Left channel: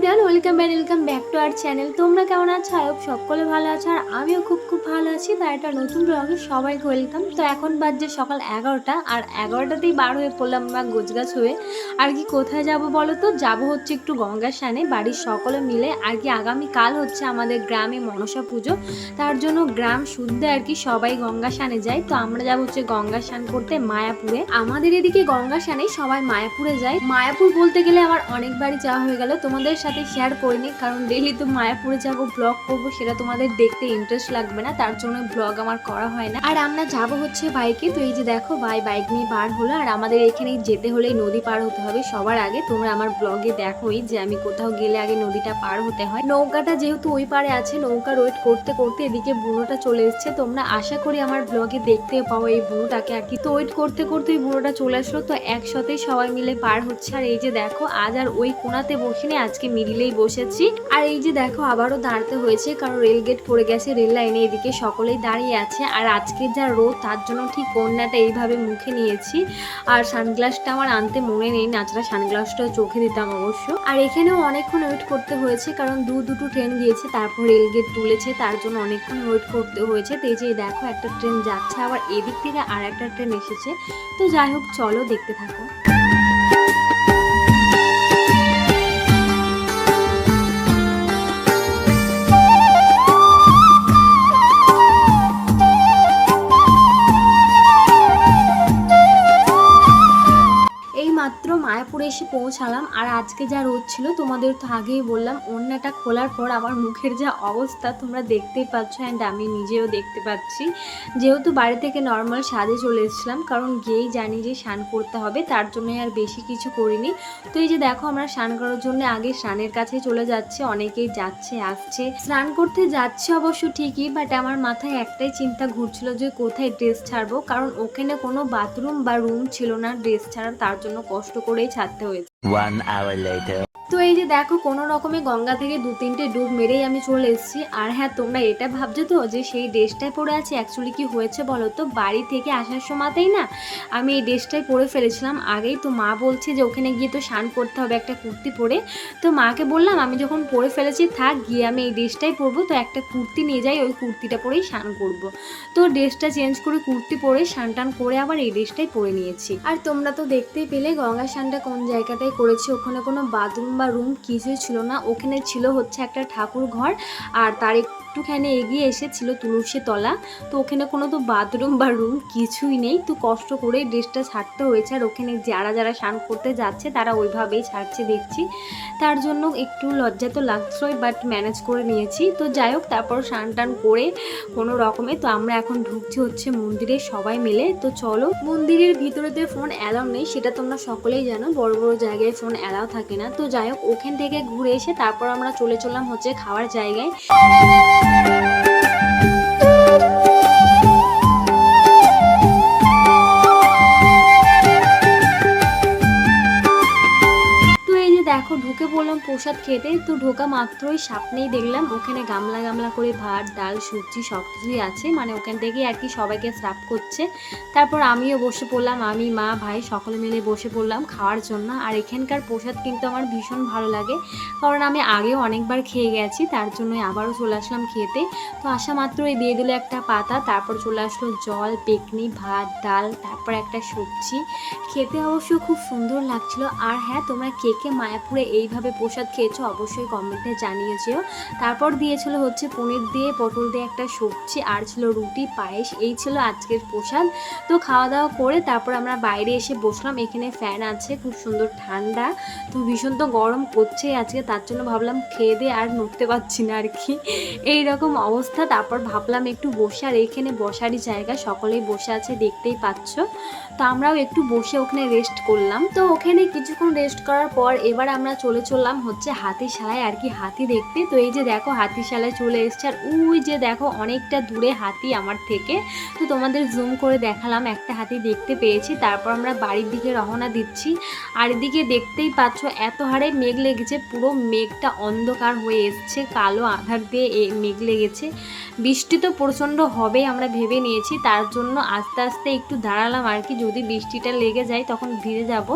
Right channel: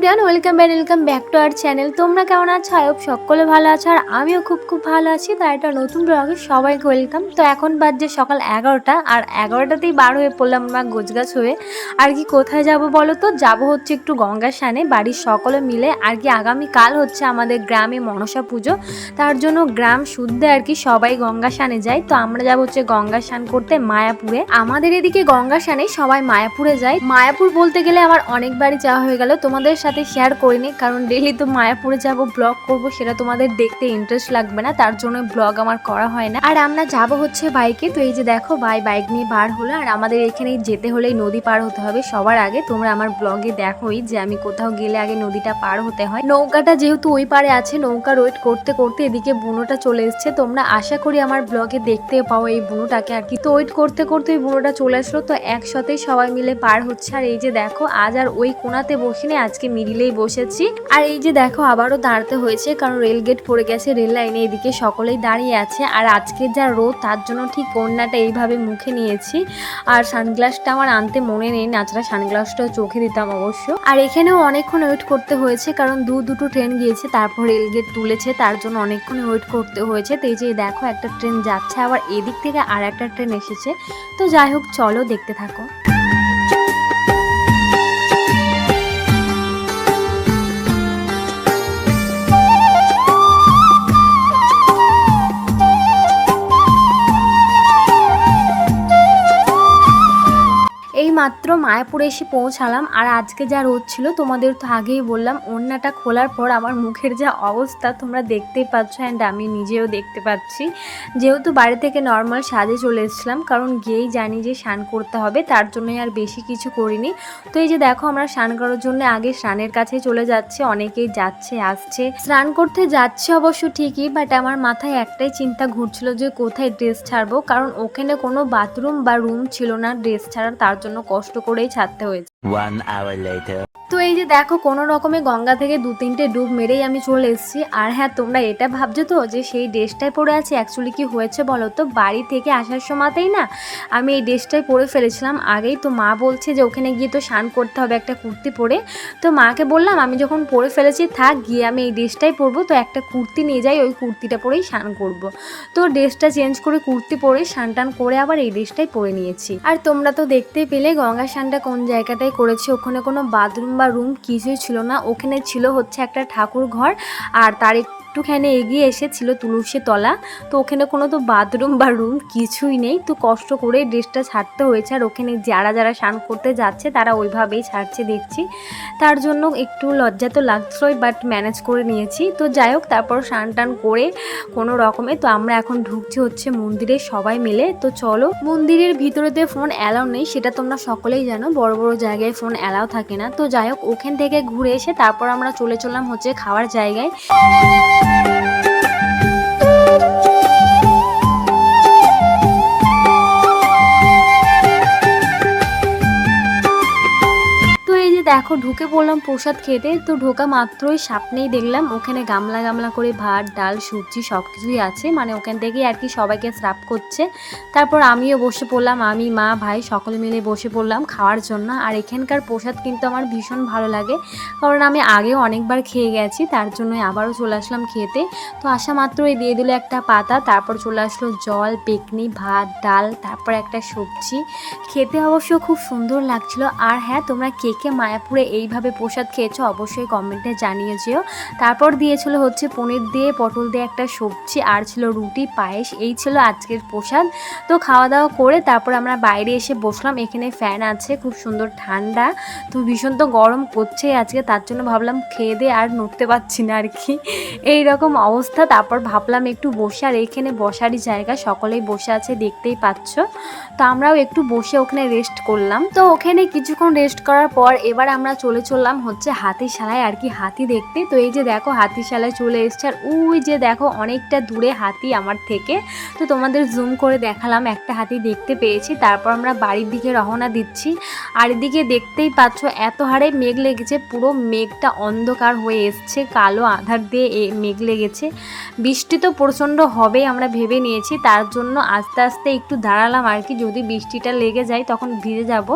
Friend welcome back welcome back to our channel তোমরা কেমন আছো? হোপ সকলে ভালো আছো আর আমিও খুব খুব ভালো আছি। তাই একটা নতুন ব্লগে সবাইকে ওয়েলকাম তো এখন বাজছে সকাল এগারোটা আর এগারোটাতেই বার হয়ে পড়লাম আমরা গোছগাছ হয়ে। আর কি কোথায় যাব বলো তো? যাব হচ্ছে একটু গঙ্গা সানে বাড়ির সকলে মিলে আর কি আগামীকাল হচ্ছে আমাদের গ্রামে মনসা পুজো। তার জন্য গ্রাম শুদ্ধে আর কি সবাই গঙ্গা সানে যায়। তো আমরা যাব হচ্ছে গঙ্গা স্নান করতে মায়াপুরে। আমাদের এদিকে গঙ্গা সানে সবাই মায়াপুরে যায়। মায়াপুর বলতে গেলে আমার অনেকবারই যাওয়া হয়ে গেল। তোমাদের সাথে শেয়ার করিনি কারণ ডেলি তো মায়াপুরে যাব ব্লগ করব, সেটা তোমাদের দেখতে ইন্টারেস্ট লাগবে না, তার জন্য ব্লগ আমার করা হয় না। আর আমরা যাব হচ্ছে বাইকে তো এই যে দেখো ভাই বাইক নিয়ে বার হলো, আর আমাদের এখানে যেতে হলেই নদী পার হতে হবে, সবার আগে তোমরা আমার ব্লগে দেখোই যে আমি কোথাও গেলে আগে নদীটা পার হতে হয়। নৌকাটা যেহেতু ওই পারে আছে, নৌকা ওয়েট করতে করতে এদিকে বুনোটা চলে এসছে, তোমরা আশা করি আমার ব্লগে দেখতে পাও এই বুনোটাকে আর কি। তো ওয়েট করতে করতে ওই বুনোটা চলে আসলো, তো একসাথে সবাই মিলে পার হচ্ছে। আর এই যে দেখো, আজ আর ওই কোনাতে বসিনি, আজকে মিডিলেই বসেছি। আর এই যে দেখো, আবারও দাঁড়াতে হয়েছে, কারণ রেল গেট পড়ে গেছে, রেল লাইনে এদিকে সকলেই দাঁড়িয়ে আছে। আর আজকে যা রোদ, তার জন্য ঠিক কন্যাটা এইভাবে মুখে নিয়েছি। আর সানগ্লাসটা আমার আনতে মনে নেই নাচড়া সানগ্লাসটাও চোখে দিতাম অবশ্য। আর এখানেও অনেকক্ষণ ওয়েট করতে হয়েছে, কারণ দু, দুটো ট্রেন গিয়েছে, তারপর রেল গেট তুলেছে, তার জন্য অনেকক্ষণ ওয়েট করতে হয়েছে। তো এই যে দেখো, একটা ট্রেন যাচ্ছে, আবার এদিক থেকে আর একটা ট্রেন এসেছে। তো যাই হোক, চলো দেখতে থাকো। মাত্র মায়াপুরে এসে পৌঁছালাম আর আজকে যা রোদ ছিল তোমাদের তো আগেই বললাম, ওড়নাটা খোলার পর আমার মুখের যা অবস্থা তোমরা দেখতেই পাচ্ছ অ্যান্ড আমি নিজেও দেখতে পাচ্ছি। যেহেতু বাড়ি থেকে নর্মাল সাজে চলে এসেছিলাম, কারণ গিয়েই জানি যে স্নান করতে হবে, তার জন্যই আর বেশি কিছু করিনি। তো এই যে দেখো আমরা স্নান করার জন্য আগে স্নানের কাছে চলে যাচ্ছে, অনেকেই যাচ্ছে, আসছে। স্নান করতে যাচ্ছে অবশ্য ঠিকই বাট আমার মাথায় একটাই চিন্তা ঘুরছিল যে কোথায় ড্রেস ছাড়বো, কারণ ওখানে কোনো বাথরুম বা রুম ছিল না ড্রেস ছাড়ার, তার জন্য কষ্ট করেই ছাড়তে হয়েছে. তো এই যে দেখো, কোনো রকমে গঙ্গা থেকে দু তিনটে ডুব মেরেই আমি চলে এসেছি। আর হ্যাঁ তোমরা এটা ভাবছ তো যে সেই ড্রেসটাই পরে আছে? অ্যাকচুয়ালি কি হয়েছে বলো তো? বাড়ি থেকে আসার সময়তেই না আমি এই ড্রেসটাই পরে ফেলেছিলাম। আগেই তো মা বলছে যে ওখানে গিয়ে তো স্নান করতে হবে একটা কুর্তি পরে। তো মাকে বললাম, আমি যখন পরে ফেলেছি, থাক, গিয়ে আমি এই ড্রেসটাই পরবো। তো একটা কুর্তি নিয়ে যাই, ওই কুর্তিটা পরেই স্নান করব। তো ড্রেসটা চেঞ্জ করে কুর্তি পরে স্নান টান করে আবার এই ড্রেসটাই পরে নিয়েছি। আর তোমরা তো দেখতেই পেলে গঙ্গা স্নানটা কোন জায়গাটায় করেছি? ওখানে কোনো বাথরুম বা রুম কিছুই ছিল না। ওখানে ছিল হচ্ছে একটা ঠাকুর ঘর আর তার একটুখানি এগিয়ে এসে ছিল তুলসী তলা, তো ওখানে কোনো তো বাথরুম বা রুম কিছুই নেই। তো কষ্ট করে ড্রেসটা ছাড়তে হয়েছে, আর ওখানে যারা যারা স্নান করতে যাচ্ছে তারা ওইভাবেই ছাড়ছে দেখছি। তার জন্য একটু লজ্জা তো লাগছিলই বাট ম্যানেজ করে নিয়েছি। তো যাই হোক, তারপর স্নান টান করে কোনো রকমে, তো আমরা এখন ঢুকছি হচ্ছে মন্দিরে সবাই মিলে। তো চলো, মন্দিরের ভিতরেতে ফোন অ্যালাউ নেই, সেটা তোমরা সকলেই জানো, বড় বড় জায়গায় ফোন অ্যালাউ থাকে না। তো যাই হোক, ওখান থেকে ঘুরে এসে তারপর আমরা চলে চললাম হচ্ছে খাওয়ার জায়গায়। তো দেখো, ঢুকে পড়লাম প্রসাদ খেতে। তো ঢোকা মাত্রই সামনেই দেখলাম, ওখানে গামলা গামলা করে ভাত, ডাল, সবজি সব কিছুই আছে। মানে ওখান থেকেই আর কি সবাইকে সার্ভ করছে। তারপর আমিও বসে পড়লাম, আমি, মা, ভাই সকলে মিলে বসে পড়লাম খাওয়ার জন্য। আর এখানকার প্রসাদ কিন্তু আমার ভীষণ ভালো লাগে, কারণ আমি আগেও অনেকবার খেয়ে গেছি, তার জন্যই আবারও চলে আসলাম খেতে। তো আসা মাত্রই দিয়ে দিল একটা পাতা, তারপর চলে আসলো জল, পেকনি, ভাত, ডাল, তারপর একটা সবজি। খেতে অবশ্য খুব সুন্দর লাগছিল। আর হ্যাঁ তোমরা কে কে মায়াপুরে এইভাবে প্রসাদ খেয়েছো অবশ্যই কমেন্টে জানিয়ে যেও তারপর দিয়েছিল হচ্ছে পনির দিয়ে, পটল দিয়ে একটা সবজি, আর ছিল রুটি, পায়েস, এই ছিল আজকের প্রসাদ। তো খাওয়া দাওয়া করে তারপর আমরা বাইরে এসে বসলাম, এখানে ফ্যান আছে, খুব সুন্দর ঠান্ডা। তো ভীষণ তো গরম করছে আজকে, তার জন্য ভাবলাম খেয়ে দিয়ে আর নড়তে পারছি না আর কি। এই রকম অবস্থা, তারপর ভাবলাম একটু বসে, আর এইখানে বসারই জায়গা, সকলেই বসে আছে, দেখতেই পাচ্ছ। তো আমরাও একটু বসে ওখানে রেস্ট করলাম। তো ওখানে কিছুক্ষণ রেস্ট করার পর এবার আমরা চলে চললাম হচ্ছে হাতিশালায় আর কি হাতি দেখতে। তো এই যে দেখো হাতিশালায় চলে এসছে আর ওই যে দেখো অনেকটা দূরে হাতি আমার থেকে। তো তোমাদের জুম করে দেখালাম, একটা হাতি দেখতে পেয়েছি। তারপর আমরা বাড়ির দিকে রওনা দিচ্ছি। আর এদিকে দেখতেই পাচ্ছ এত হারে মেঘ লেগেছে, পুরো মেঘটা অন্ধকার হয়ে এসছে, কালো আধার দিয়ে মেঘ লেগেছে। বৃষ্টি তো প্রচণ্ড হবে আমরা ভেবে নিয়েছি, তার জন্য আস্তে আস্তে একটু দাঁড়ালাম আর কি। যদি বৃষ্টিটা লেগে যায় তখন ভিজে যাব।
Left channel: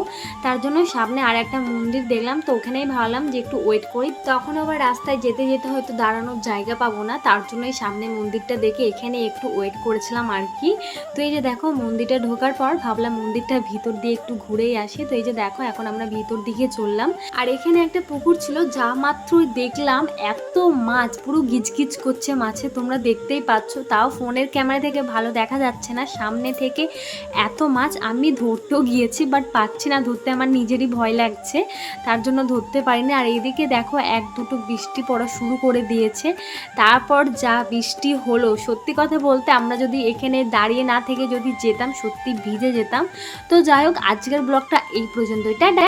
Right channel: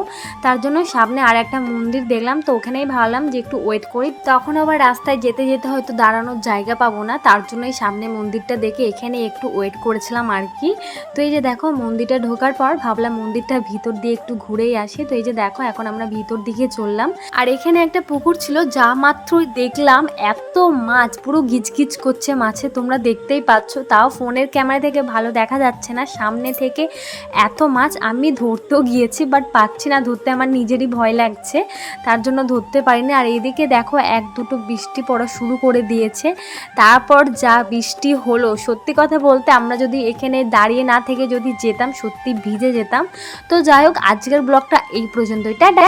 তার জন্য সামনে আর একটা মন্দির দেখলাম, তো ওখানেই ভাবলাম যে একটু ওয়েট করি। তখন আবার রাস্তায় যেতে যেতে হয়তো দাঁড়ানোর জায়গা পাবো না, তার জন্যই সামনে মন্দিরটা দেখে এখানে একটু ওয়েট করেছিলাম আর কি। তো এই যে দেখো মন্দিরটা ঢোকার পর ভাবলাম মন্দিরটা ভিতর দিয়ে একটু ঘুরেই আসি। তো এই যে দেখো এখন আমরা ভিতর দিকে চললাম। আর এখানে একটা পুকুর ছিল, যা মাত্রই দেখলাম, এত মাছ, পুরো গিজগিজ করছে মাছে তোমরা দেখতেই পাচ্ছ, তাও ফোনের ক্যামেরা থেকে ভালো দেখা যাচ্ছে না। সামনে থেকে এত মাছ আমি ধরতেও গিয়েছি বাট পাচ্ছি না ধরতে, আমার নিজেরই ভয় লাগছে। তার জন্য ধরতে পারিনি। আর এইদিকে দেখো, এক দুটো বৃষ্টি পড়া শুরু করে দিয়েছে। তারপর যা বৃষ্টি হলো, সত্যি কথা বলতে আমরা যদি এখানে দাঁড়িয়ে না থেকে যদি যেতাম, সত্যি ভিজে যেতাম। তো যাই হোক, আজকের ব্লগটা এই পর্যন্তই। টাটা!